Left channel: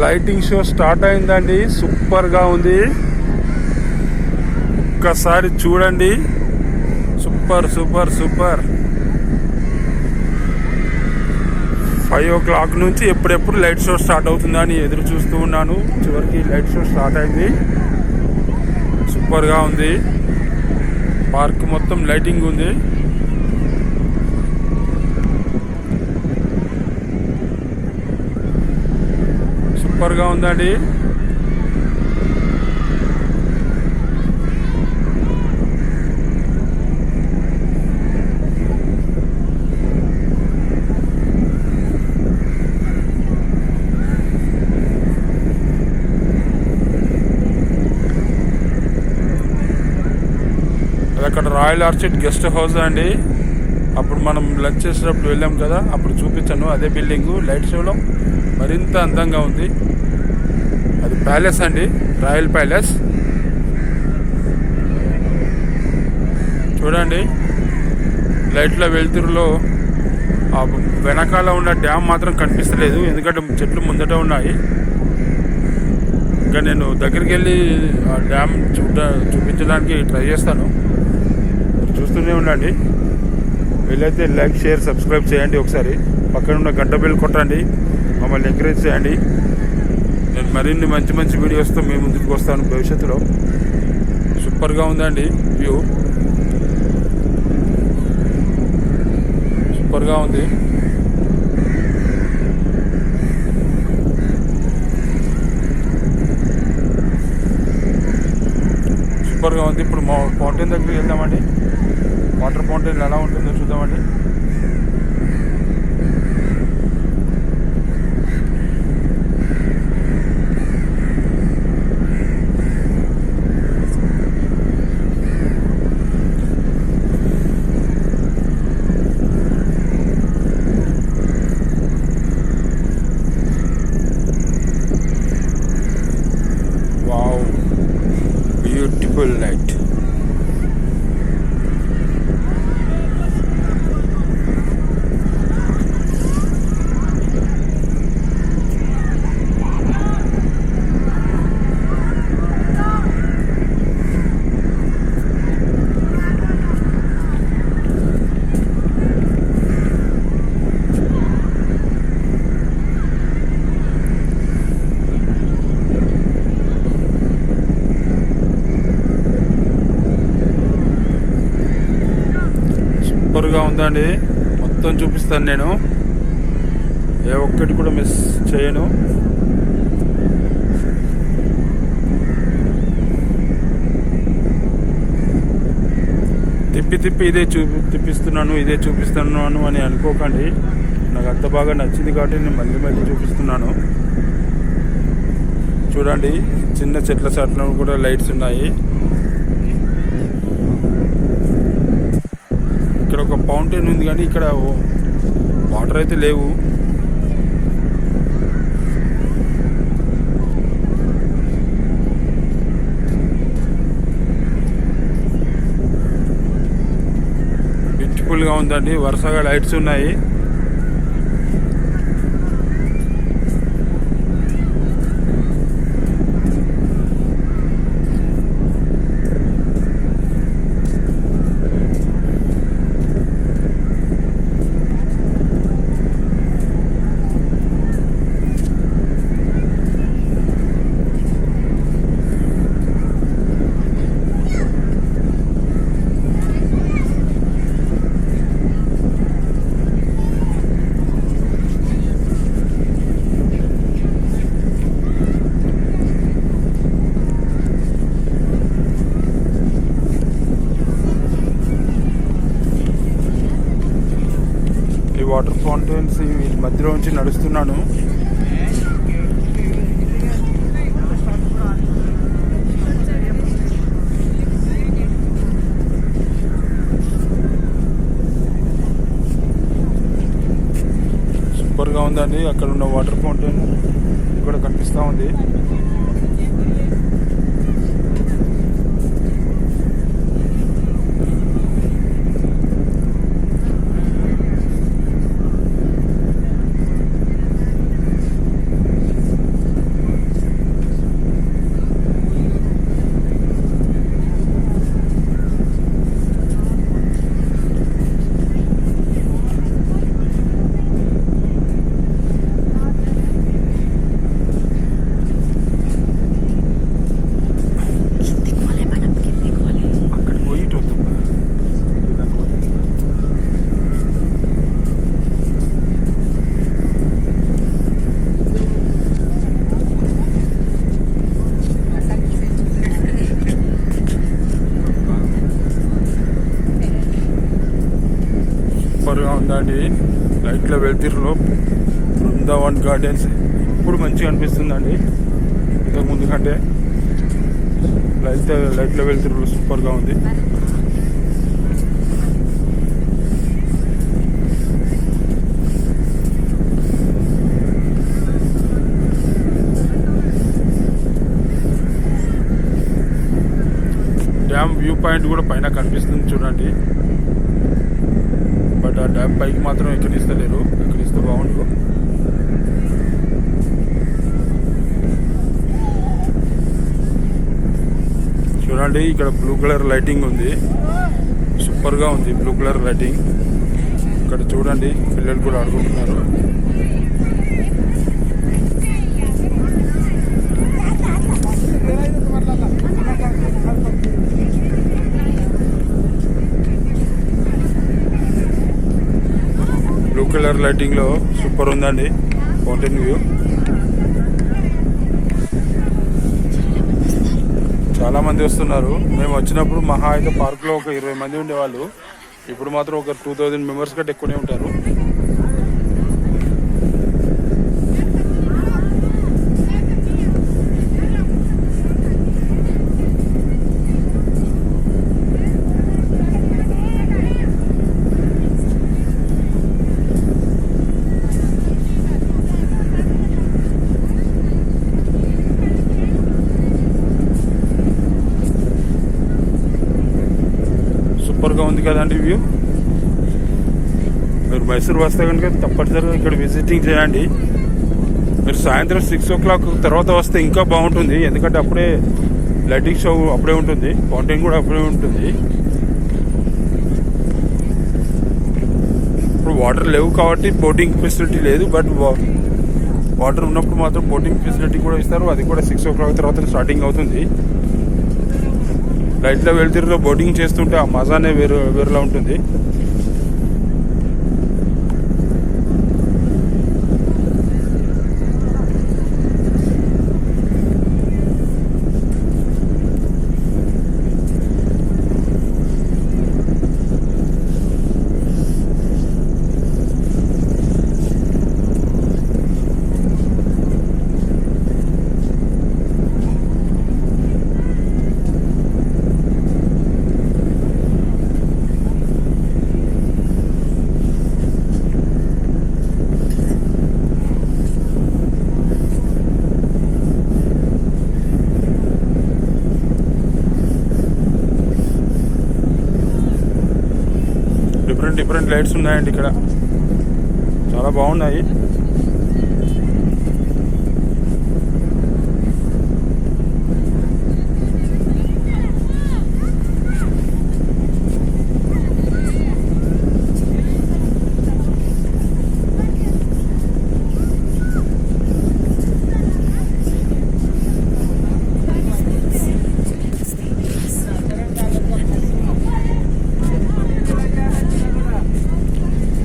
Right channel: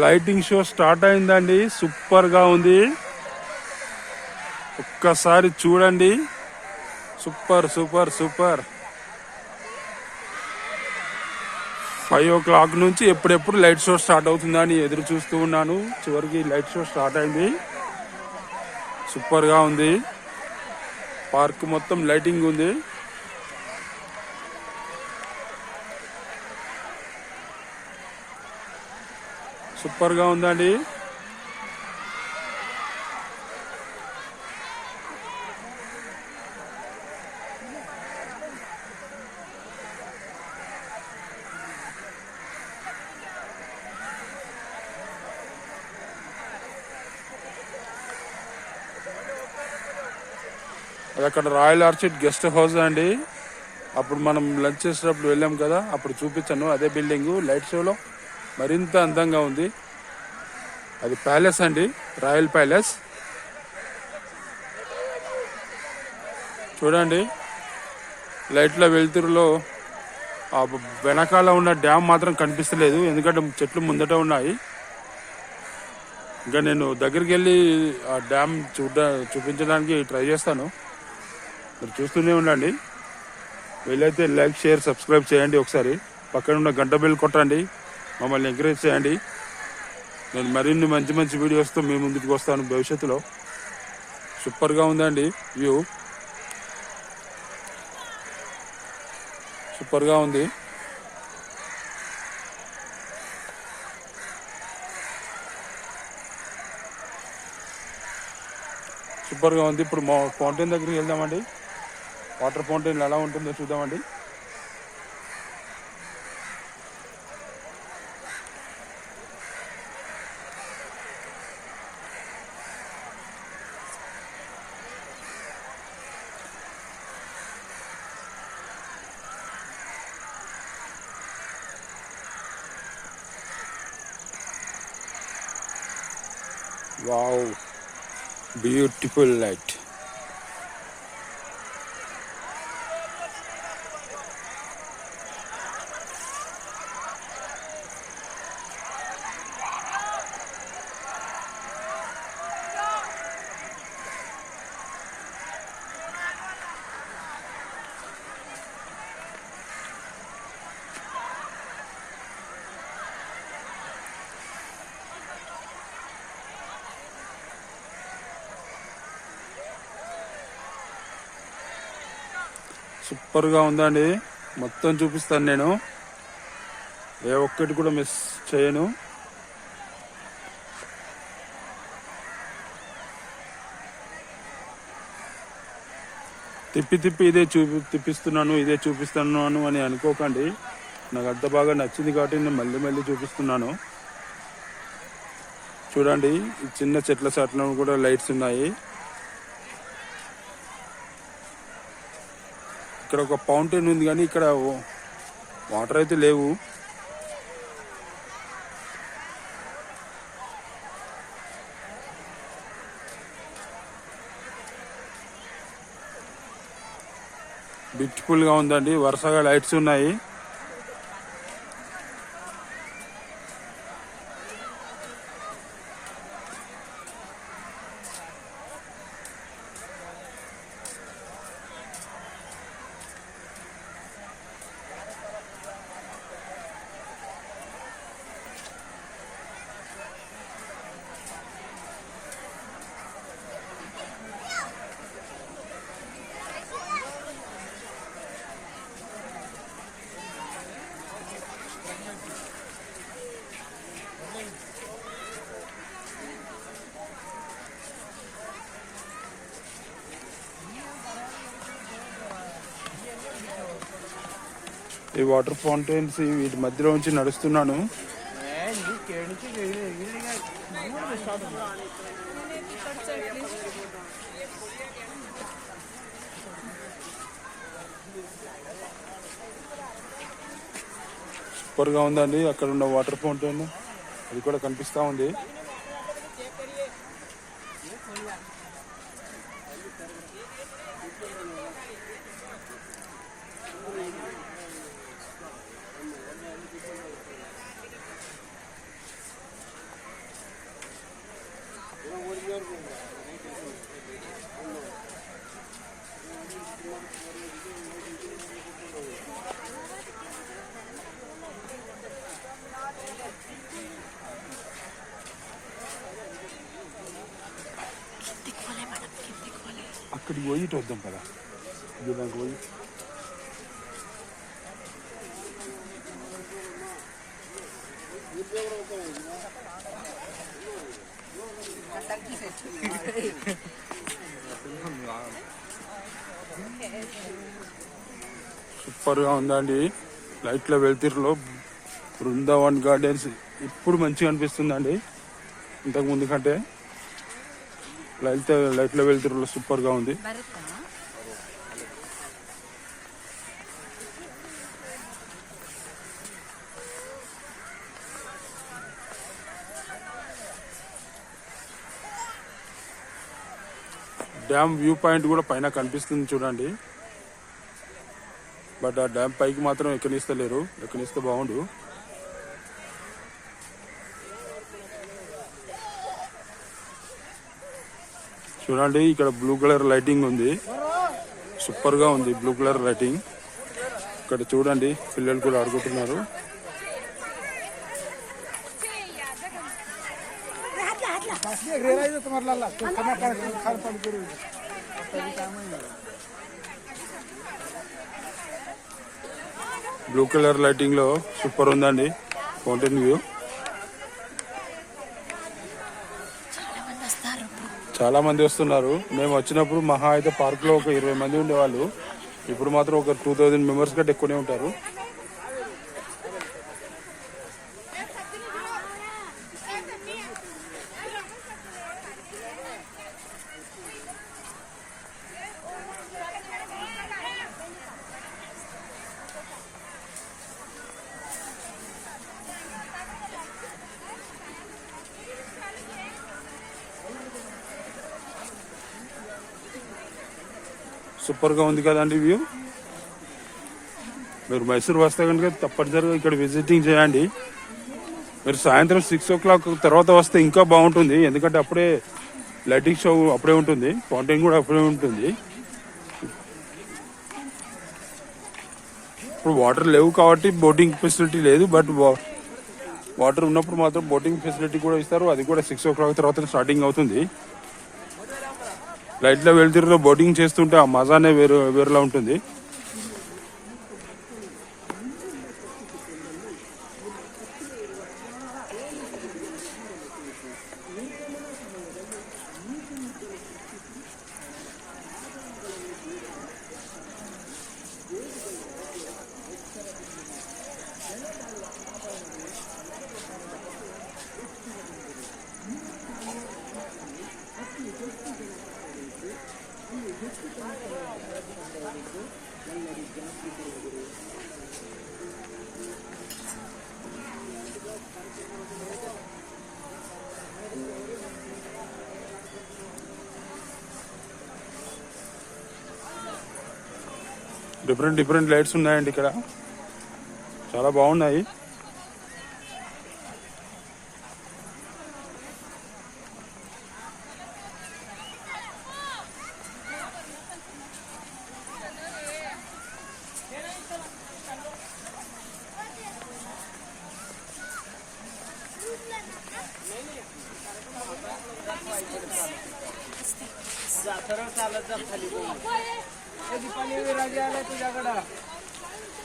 Lighting show start అయిందండి. Super గా ఉంది, ఒక్కసారి చూడండి. Super super super. 5 o'clock నుంచి ఎప్పుడెప్పుడు లైట్ షో స్టార్ట్ అవుతుందని ఎదురు చూస్తూ ఉన్నాను. చివరికి లైట్ షో స్టార్ట్ అయింది. సూపర్ గా ఉంది. పార్క్ మొత్తం లైటింగ్ ఉంది. సూపర్ గా ఉందండి. అది అక్కడ రాయల్ ఆర్చిడ్ గెస్ట్ హౌస్ అండి. అప్పుడు మనం లంచ్ చేసేటప్పుడు వెళ్ళాం కదా, అప్పుడు చూపించాను. అదే బిల్డింగ్ లైట్ షోలో మరింత అందంగా ఉంది. అది ప్యాలెస్ అండి, రాయల్ ప్యాలెస్. చూడండి, లైట్ల వెలుతురులో ఆ వెనకాల ఉన్న డ్యామ్ మాత్రం కనిపిస్తలేదు, ఎందుకంటే చెట్లు ముందట ఉన్నాయి. ఇంకా నేను దగ్గరికి వెళ్ళి ఆ డ్యామ్ చూపించడానికి ట్రై చేస్తాను. చూస్తూనే ఉండండి. వీలైతే లైక్, షేర్, సబ్స్క్రైబ్ చేయండి. ఒకసారి పక్కన ఉన్న గంట బెల్ కొట్టండి, మమ్మల్ని ఎంకరేజ్ చేయండి. నేను మరిన్ని మంచి మంచి వీడియోస్తో మీ ముందుకు వస్తాను భవిష్యత్తులో. సూపర్గా ఉందండి, వ్యూ సూపర్గా ఉంది. సూపర్గా ఉంది. ఇప్పుడు మా ఫౌంటైన్ దగ్గరికి వెళ్దామండి. వాటర్ ఫౌంటైన్ ఎలా ఉంటుందో చూద్దామండి. Wow, beautiful light. సూపర్గా ఉందండి. మొత్తం చూపిస్తాను నేను, ఏ ఒక్కటి కూడా మిస్ చేయను. తిప్పి తిప్పి ఇదే చూపిస్తున్నాను అని అనుకోకండి. నాకు అంత బాగా నచ్చింది కాబట్టి నేను మళ్ళీ మళ్ళీ చూపిస్తున్నాను. చూడండి, చిన్న చెట్ల చాటున కూడా లైట్స్ ఉన్నాయి. ఇక్కడ ఒక ఫౌంటైన్ ఉంది, కానీ ఇక్కడ వాటర్ అయితే లేవు. బ్యూటిఫుల్ గా ఉందండి. వరుసగా లైట్స్ ఉన్నాయి. ఈ వాటర్ ఫౌంటైన్స్ వీటి మధ్యలో నుంచి నడుస్తున్నాను. సూపర్ గా ఉందండి. అక్కడ ఉన్న వాటర్ ఫౌంటైన్ ఇది కూడా కనిపిస్తా ఉంది. సూపర్గా ఉందండి. లైట్లో వెళ్తిర్లో బృందావన్ గార్డెన్స్ ఇప్పుడు మంచిగా అనిపిస్తుందండి ఇంతకుముందు కంటే. లైట్లో వెళ్తిర్లో సూపర్గా ఉంది. డ్యామ్ వ్యూ పాయింట్ కూడా పైన కనిపిస్తుంది చూడండి. బట్ ఆ డ్యామ్ పైకి మాత్రం ఎక్కడిస్తలేరు. ఎక్కడిస్తే బాగుండు. చూడండి ఇక్కడ బ్లూ కలర్ లైటింగ్ ఉంది. సూపర్గా ఉంది బ్లూ కలర్ లైటింగ్. ఇక్కడ చూడండి పిల్లలు కూడా ఆడుకుంటున్నారు. బ్లూ కలర్ లైటింగ్ లో సూపర్ ఉందండి ఫౌంటైన్ వ్యూ. చాలా మంది వస్తున్నారు. మేము వచ్చినప్పుడు మహా అయితే పార్క్ లో ఒక 20 మంది ఉండేవాళ్ళు. ఇప్పుడు మాత్రం ఒక 2000 మెంబర్స్ కంటే ఎక్కువనే ఉంటారు. సూపర్గా ఉంది కదండి వ్యూ. మీరు మైసూర్ వస్తే కనుక తప్పనిసరిగా ఇక్కడ విజిటింగ్ చేయండి. మీరు సాయంత్రం 6 o'clock తర్వాత వస్తే ఇంకా బాగుంటుంది. ఎందుకంటే అప్పుడే లైటింగ్ షో అప్పుడే ఉంటుంది, ఫౌంటైన్ కూడా అప్పుడే ఉంటుంది. ఇప్పుడు వాటర్ లేవు కాబట్టి బోటింగ్ ఫెసిలిటీ లేదు. బట్ వాటర్ ఉన్నప్పుడు మాత్రం బోటింగ్ ఫెసిలిటీ కూడా ఇస్తారు. అది కూడా 6 o'clock తర్వాత స్టార్టింగ్ అవుతుంది. లైట్లో వెళ్తురులో బోటింగ్ చేస్తుంటే ఆ మజానే వేరులా ఉంటుంది. డిఫరెంట్ లైట్స్ ఉన్నాయండి ఇక్కడ. చాలా బాగున్నాయి.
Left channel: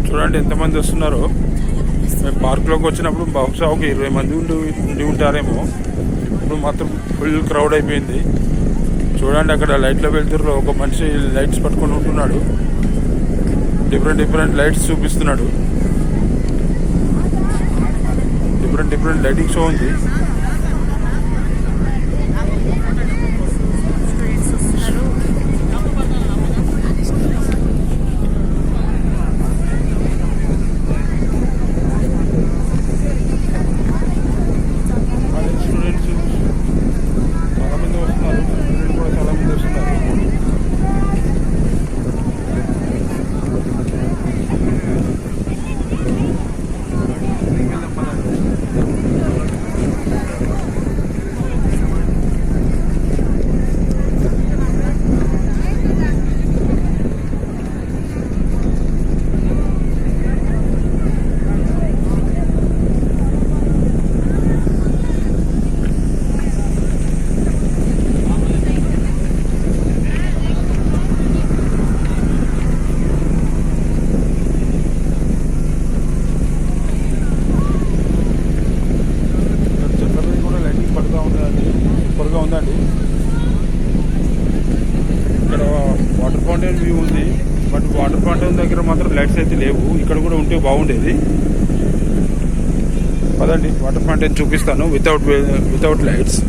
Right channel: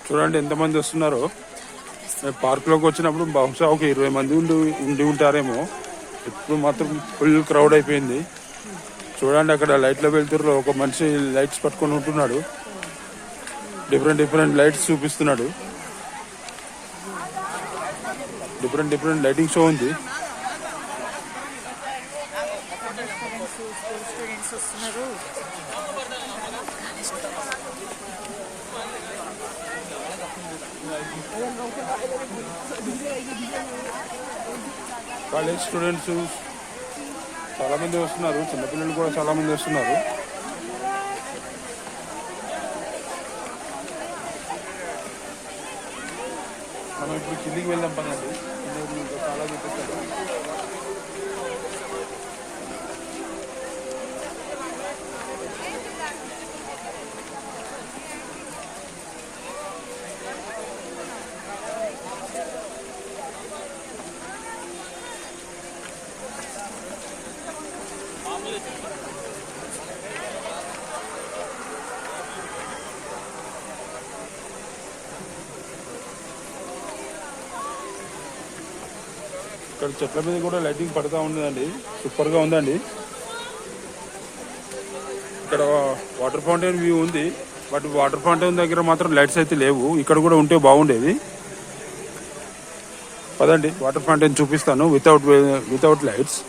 చూడండి ఎంతమంది వస్తున్నారో. మేము పార్క్లోకి వచ్చినప్పుడు బహుశా ఒక 20 మంది ఉండి ఉంటారేమో. ఇప్పుడు మాత్రం ఫుల్ క్రౌడ్ అయిపోయింది. చూడండి అక్కడ లైట్లో వెళ్తుర్లో ఒక మనిషి లైట్స్ పట్టుకొని ఉంటున్నాడు. డిఫరెంట్ లైట్స్ చూపిస్తున్నాడు. డిఫరెంట్ లైటింగ్ షో ఉంది. కాలేజ్ స్టూడెంట్స్ చాలా మంది వస్తున్నారు. పిల్లలు కూడా చాలా మంది వస్తున్నారు. ఇంటికి వెళ్దాం పదండి. చెట్ల మీద కూడా లైటింగ్ పడుతూ ఉంటుందండి. సూపర్గా ఉందండి. ఇక్కడ వాటర్ ఫౌంటైన్ వ్యూ ఉంది. బట్ వాటర్ ఫౌంటైన్ దగ్గర మాత్రం లైట్స్ అయితే లేవు. ఇక్కడ కూడా ఉంటే బాగుండేది. పదండి వాటర్ ఫౌంటైన్ చూపిస్తాను వితౌట్ లైట్స్.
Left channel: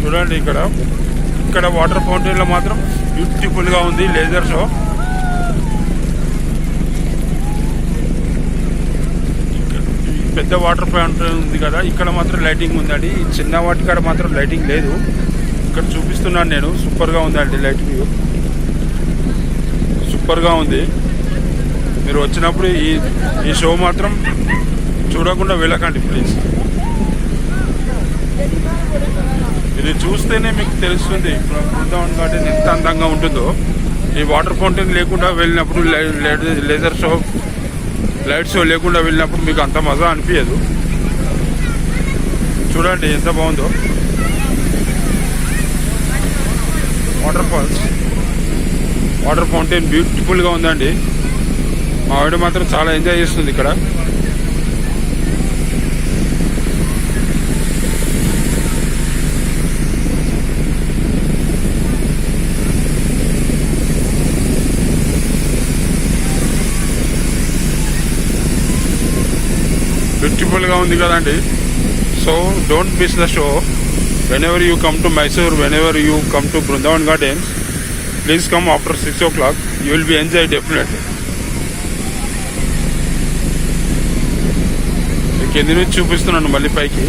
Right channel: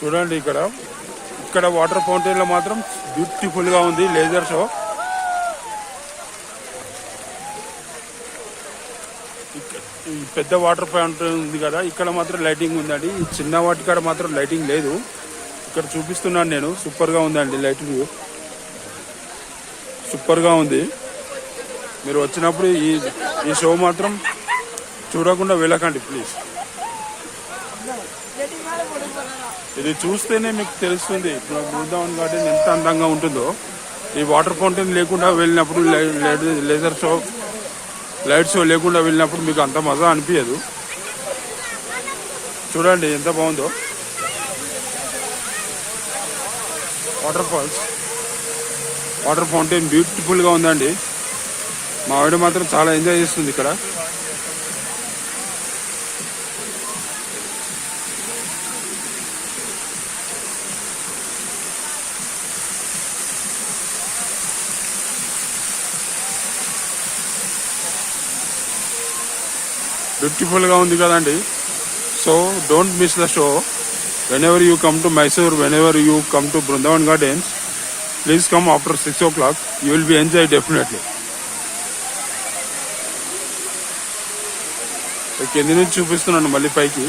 చూడండి ఇక్కడ వాటర్ ఫౌంటైన్ లో మాత్రం బ్యూటిఫుల్ గా ఉంది లేజర్ షో. పెద్ద వాటర్ ఫౌంటైన్ ఉంది కదా, ఇక్కడ మాత్రం లైటింగ్ ఉందండి. ఈ చిన్న వాటి కాడ మాత్రం లైటింగ్ లేదు. ఇక్కడ చూపిస్తున్నాను నేను. సూపర్ గా ఉందండి లైట్ వ్యూ, సూపర్ గా ఉంది. మీరు వచ్చినప్పుడు ఈ షో మాత్రం చూడకుండా వెళ్ళకండి ప్లీజ్. ఇది చూస్తేనే మీకు తెలుస్తుంది బృందావన్ గార్డెన్ ఎంత అందంగా ఉంటుందో. ఈ వాటర్ ఫౌంటైన్ లేకుండా వెళ్ళినప్పుడు, లేజర్ షో లైట్ షో లేకుండా వెళ్ళినప్పుడు మీకు అంత మజా అనిపించదు. చూడండి ఎంత బాగుందో వాటర్ ఫౌంటైన్ బ్యూటిఫుల్ గా ఉందండి. మా ఆవిడ మాత్రం చాలా ఎంజాయ్ చేస్తుంది ఇక్కడ. బ్యూటిఫుల్ గా ఉంది కదండి. So don't miss the show. whenever you come to Mysore, whenever you come to Brindavan Gardens, please come after 6 o'clock. You will be enjoy definitely. కింది నుంచి చూపిస్తున్నాను మళ్ళీ పైకి.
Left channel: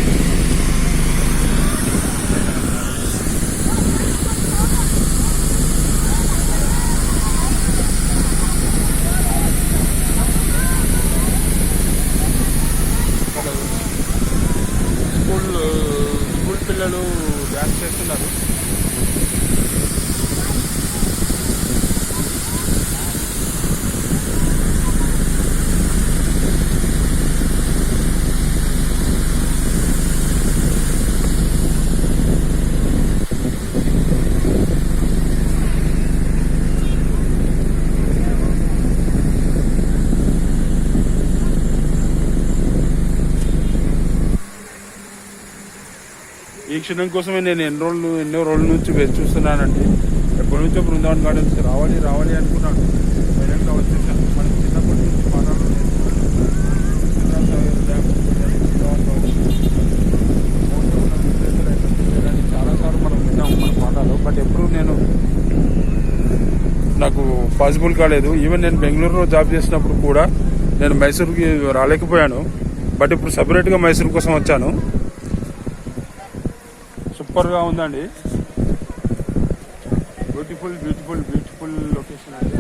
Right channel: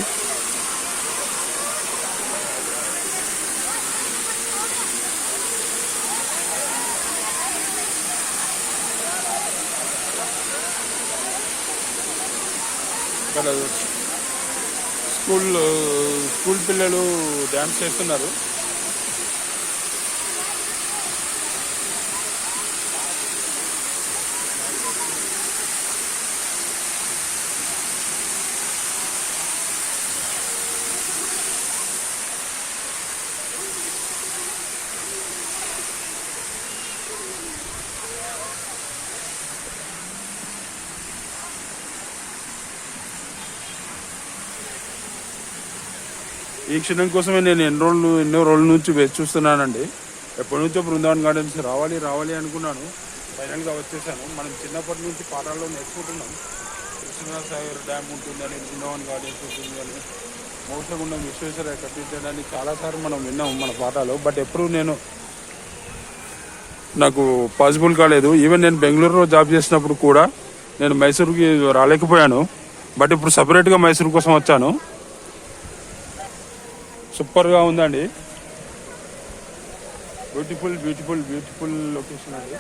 స్కూల్ పిల్లలు డ్యాన్స్ చేస్తున్నారు. ఈ క్షణం కోసమే నేను ఎన్నో రోజుల నుంచి వేచి చూస్తున్నానండి. ఎప్పటి నుంచో బృందావన్ గార్డెన్స్ రావాలి అనుకున్నాను. ఫైనల్గా వచ్చేసాను. మనం చిన్నప్పటి నుంచి పాఠాల్లో నేర్చుకున్నాం. సింగసాగర్ డ్యామ్ ఉంటుందని, బృందావన్ గార్డెన్స్ మోసం ఉన్న విశ్వేశ్వర కట్టించడానికి చాలాసార్లు మనం విన్నాం మన పాఠాలు. బట్ ఎప్పుడు నాకు పాసిబుల్ కాలేదు. ఈవెన్ నేను బెంగళూరులో జాబ్ చేసినప్పుడు కూడా నేను మైసూరుకి రాలేకపోయాను. బట్ ఇప్పుడు సపరేట్గా మైసూరు కోసం వచ్చాను. సూపర్ గా ఉందండి. బ్యూటిఫుల్ లొకేషన్ అండి.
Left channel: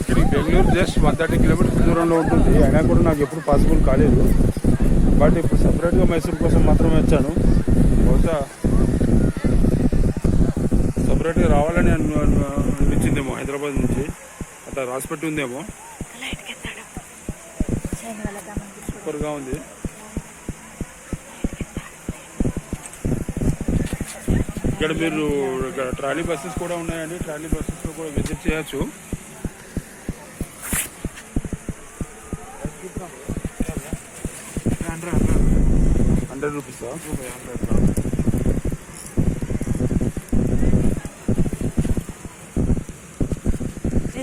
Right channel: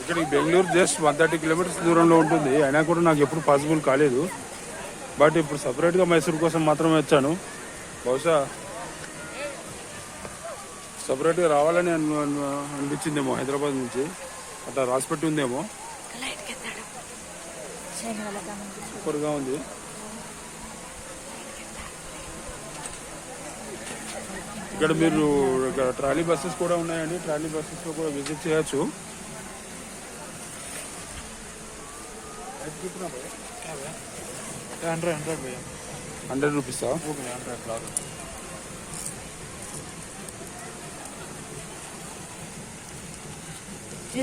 ఇక్కడికి బెంగళూరు జస్ట్ 130 కిలోమీటర్స్ దూరంలో ఉంటుంది. అయినా కూడా నాకు ఎప్పుడు పాసిబుల్ కాలేదు. బట్ ఇప్పుడు సపరేట్గా మైసూర్ కోసం మాత్రమే వచ్చాను. బహుశా సపరేట్గా రావాలని అనిపించిందేమో హైదరాబాద్ నుంచి. అట్లా రాసిపెట్టి ఉందేమో. సూపర్గా ఉంది. ఇక్కడ మీరు ఇక్కడ ట్రాలీ బస్సెస్ కూడా ఉన్నాయండి. ట్రాలీ బస్సెస్లో కూడా విజిట్ చేయొచ్చు.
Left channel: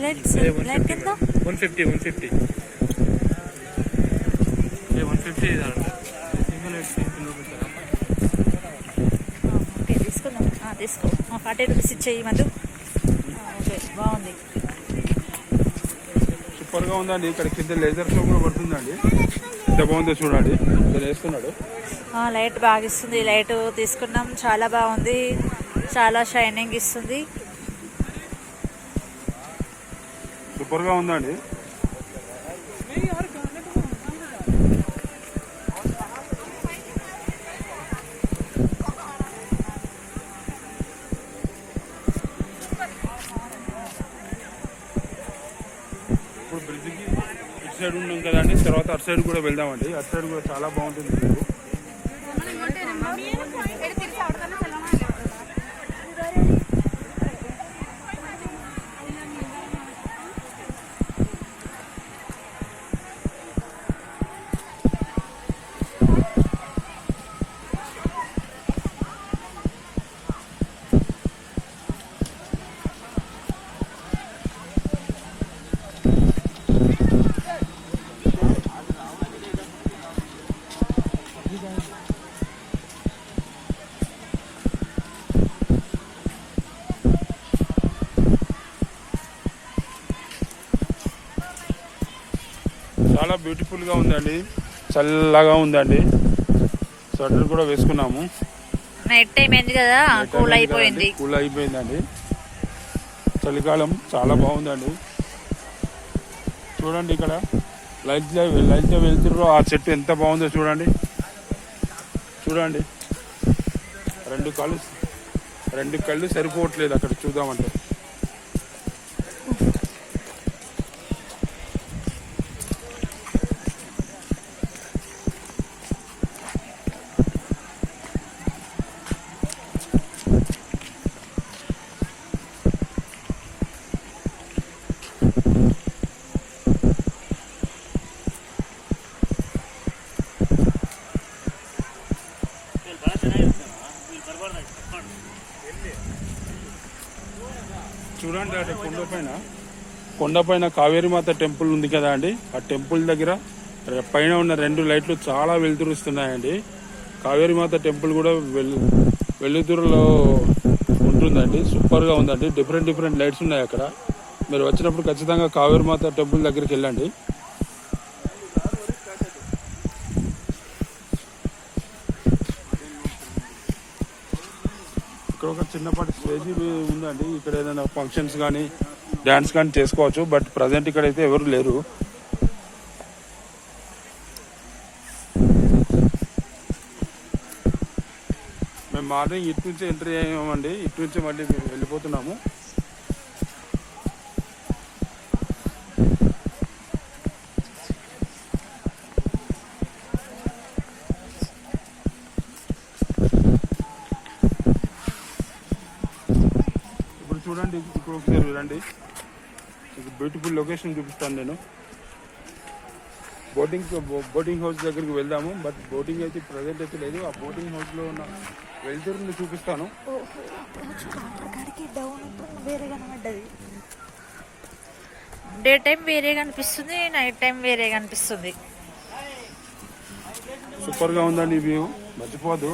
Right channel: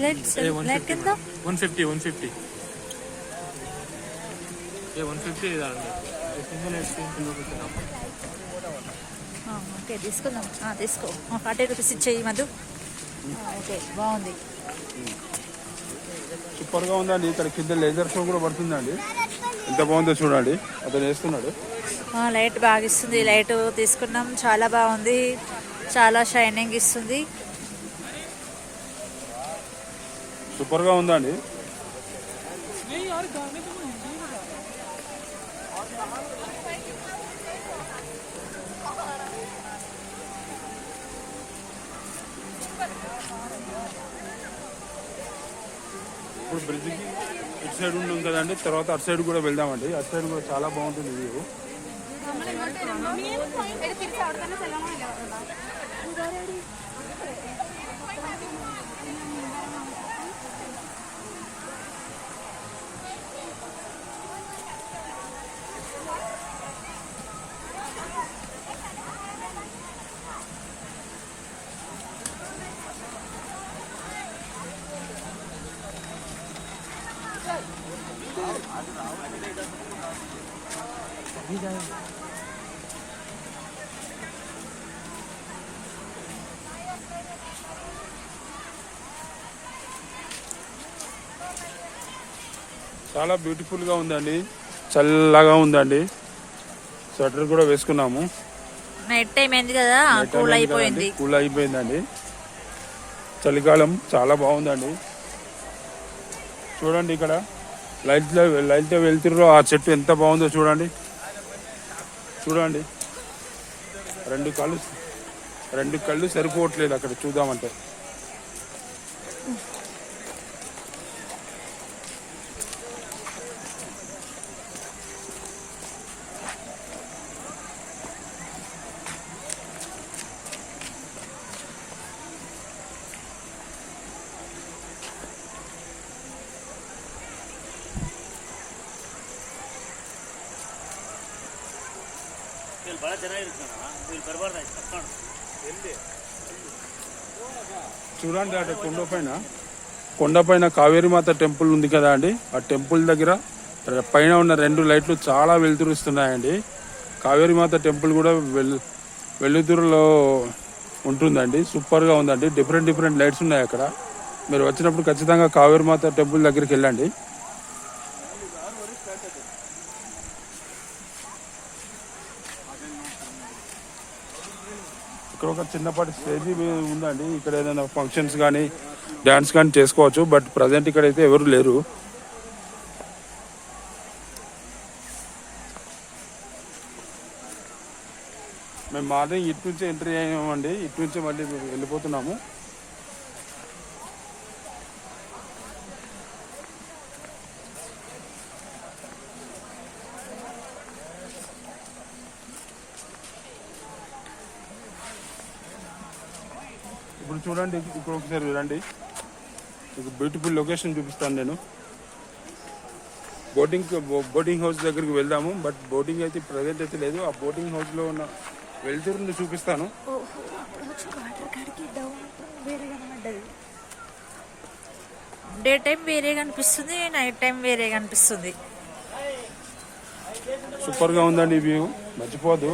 ₹100 లైట్ కింద 150 ఓకే తీసుకుందాం. తీసుకో. ₹40 ఇచ్చేయి మధు. ఓకే బాగుంది. సూపర్ గా ఉందండి. ఇక్కడ కింద లేజర్ షో కూడా పడుతుందండి. ఎంత బాగుందో చూడండి. అతను వేస్తున్నాడు. లైట్ బాగా ఇస్తుంది. లైట్ తీసుకున్నాం. చాలా బాగుంది. చాలా షైనింగ్ ఇస్తుంది. సూపర్ గా ఉందండి. ఇప్పుడు బ్రిడ్జికి ఇటు సైడ్ ఉన్నాం కదండి, తర్వాత అటు సైడ్ కూడా వెళ్దామండి. అటు సైడ్ కూడా చాలా బాగుంటుంది వ్యూ. చాలా బ్యూటిఫుల్ గా ఉందండి, చల్లగా ఉందండి. స్వెటర్ కూడా వేసుకున్నాము. నైట్ టైం అయింది కదా, కూల్ అయిపోయింది. కూల్ అయిపోయిందండి. చలికాలం చాలా బాగుందండి. చూడండి ఇక్కడ లైట్ లో వెళ్తుర్రు. ఆ చెట్టు ఎంత బాగుందో చూడండి. చూడండి, రెండు కళ్ళు సరిపోవట్లేదు అక్కడ చూద్దామంటే. చూడండి అటు కొండపైన కావేరీమాత టెంపుల్ ఉంది కదా అండి. ఆ టెంపుల్ దగ్గర పైన ఉన్న 2 లైట్లు చాలా వెలుతురుస్తున్నాయండి. కావేరీమాత టెంపుల్ కూడా వెలుతురులో ఉంటుందండి. సూపర్ గా ఉందండి. డిఫరెంట్ లైట్స్ ఉన్నాయి అక్కడ. మీరు వచ్చినప్పుడు ఖచ్చితంగా కావేరీమాత టెంపుల్ దగ్గరికి వెళ్ళండి. ఇక్కడ ఒక చిన్నపాటి స్టేజ్ ఉందండి. ఇక్కడ ఏదైనా ఫంక్షన్స్ కానీ డాన్స్ కానీ చేసుకోవచ్చు. బట్ ప్రజెంట్ ఇక్కడ అయితే ఎవరు లేరు. మేము మార్నింగ్ ఇటు నుంచి ఎంట్రీ అయ్యామండి. ఇటు నుంచి మళ్ళీ వెళ్ళిపోతున్నాము. చూడండి, ఇప్పుడు ఒకసారి చూడండి. బ్యూటిఫుల్ లొకేషన్ చూపిస్తాను నేను. బోటింగ్ హౌస్ దగ్గరికి వెళ్దాము. బట్ బోటింగ్ అయితే ప్రజెంట్ అయితే లేదు. ఆ బోటింగ్ హౌస్ లో ఉన్న వెళ్తురుని చూపిస్తాను. డే టైం వేరేగా అనిపిస్తుంది, నైట్ టైం వేరేగా అనిపిస్తుంది. సూపర్ గా ఉందండి వ్యూ, మర్చిపోదు.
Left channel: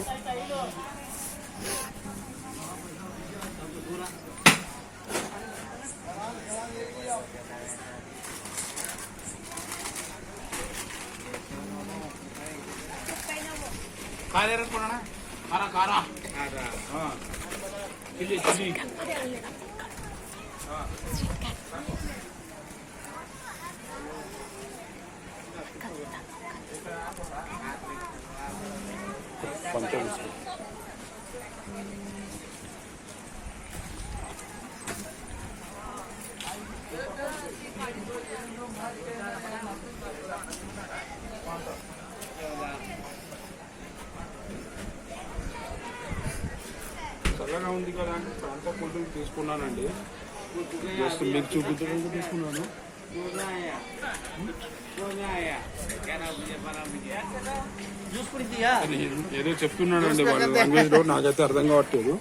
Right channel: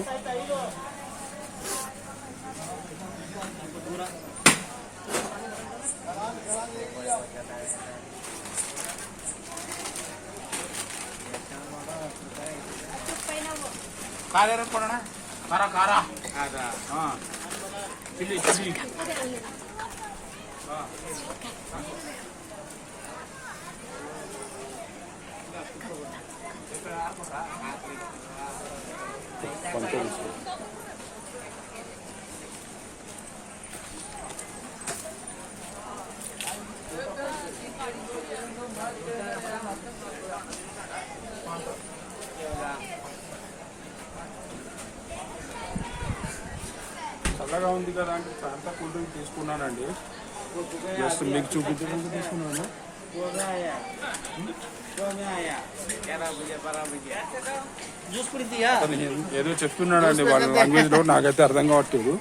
చల్లగా ఉంది కదా అంటే ప్రాంత ఫుడ్ తీసుకున్నానండి. మీకు చూపించడానికి తీసుకున్నాను. ఏదో చెప్తున్నానండి వాళ్ళు లాంగ్వేజ్లో, నాకైతే అర్థం కావట్లేదు.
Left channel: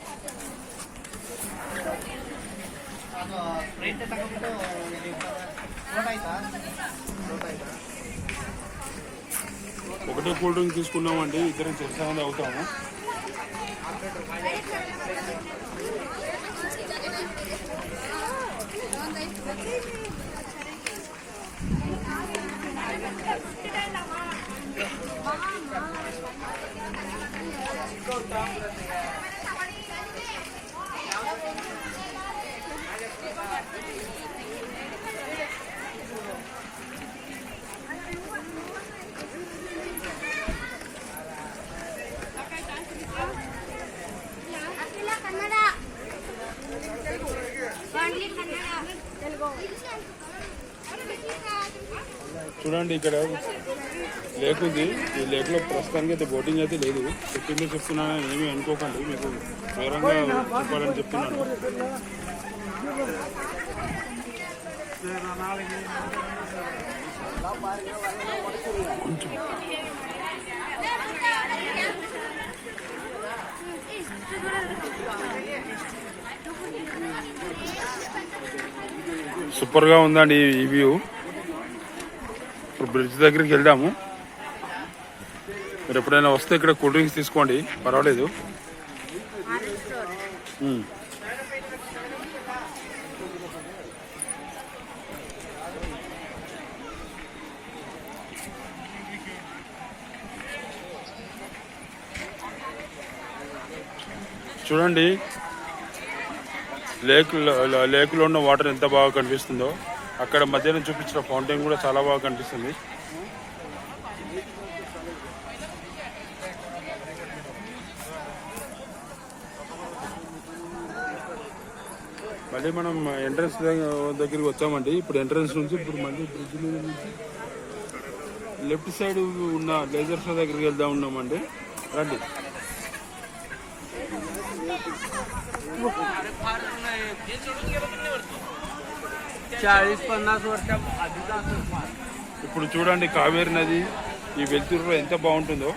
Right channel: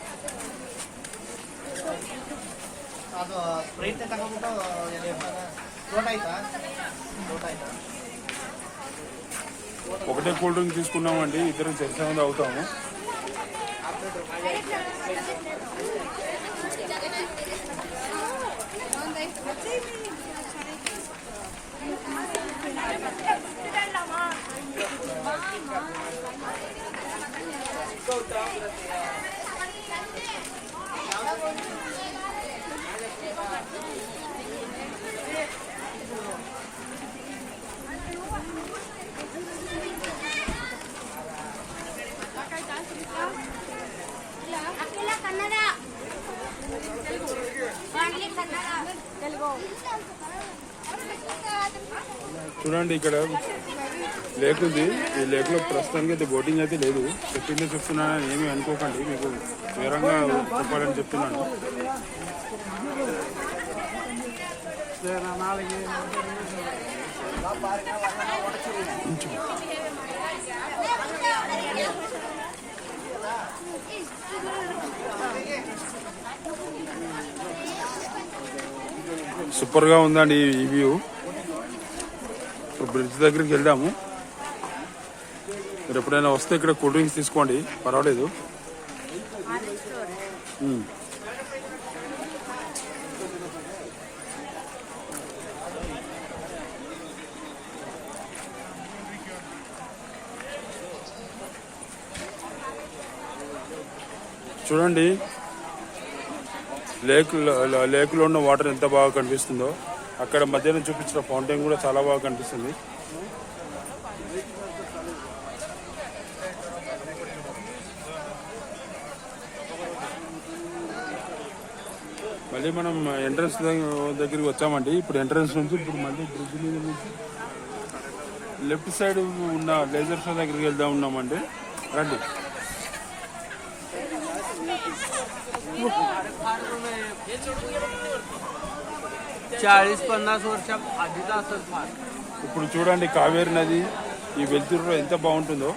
ఒకటే కూల్ డ్రింక్ తీసుకున్నామండి. ఇద్దరం తెలిసే అవుతాము. చూడండి ఇక్కడ లేక్ ఉంది. ఈ లేక్ లో ప్రస్తుతానికి అయితే బోటింగ్ అయితే లేదు. చెప్పింది చెప్తున్నా ఏమీ అనుకోకండి, మీకు వివరంగా చెప్పాలని చెప్తున్నాను. సూపర్ గా ఉందండి ఈ వ్యూ. ఇప్పుడు బ్రిడ్జ్ దగ్గరికి వెళ్దాము. మీరు ఎప్పుడైనా వస్తే ఇక్కడ కూల్ డ్రింక్స్ తీసుకోండి, పర్వాలేదు. చూడండి లేక్లో ఉన్న వాటర్ ఎంత బాగా కనిపిస్తుందో. అక్కడ మధ్యాహ్నం చూపించిన ఫౌంటైన్ కూడా చాలా బాగా కనిపిస్తుంది. మళ్ళీ మనం ఎంట్రన్స్ దగ్గరికి వచ్చామండి. ఇప్పుడు ఎంట్రన్స్ నుంచి ఇప్పుడు మళ్ళీ బ్రిడ్జ్ మీద నుంచి లెఫ్ట్ సైడ్ ఉన్న లేజర్ షో దగ్గరికి వెళ్దాం ఉన్నామండి. రండి. ఇప్పుడు చూడండి కావేరి నది ఈ వెలుతురు ఎంత బాగుంటుందో.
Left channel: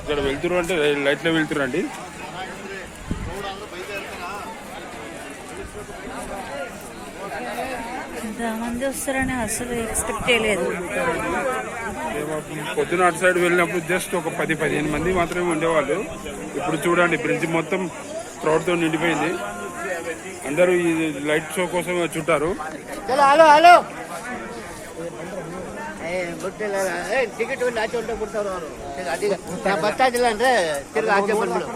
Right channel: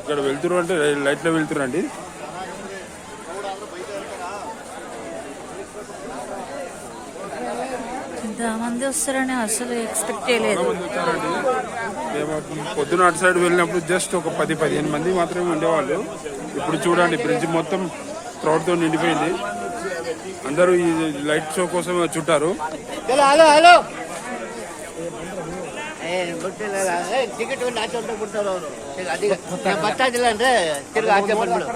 ఇక్కడ వెలుతురు అంటే లైట్లో వెలుతురు అండి. ఇంతమంది వస్తారని అసలు ఎక్స్పెక్ట్ చేయలేదు. పొద్దున అటు సైడ్ వెళ్ళినప్పుడు జస్ట్ ఒక 10-15 మంది మాత్రమే ఉండేవాళ్ళు. ఇప్పుడు చూడండి బ్రిడ్జ్ మొత్తం క్రౌడ్ తో నిండిపోయింది. అందరూ ఈ లైట్ షో కోసం చుట్టారు. ಟಿಕೆಟ್ ಆಚೆ ಹೊಂಟೋಗಿ ಬಿಡ್ತಾರ ಅವರು. ಬರ್ತಾ ಇದ್ದಿಲ್ಲ ಅಂದ್ರೆ ತಿರ್ಗಿ ಆಚೆ ಬಂದ್ಬಿಡು.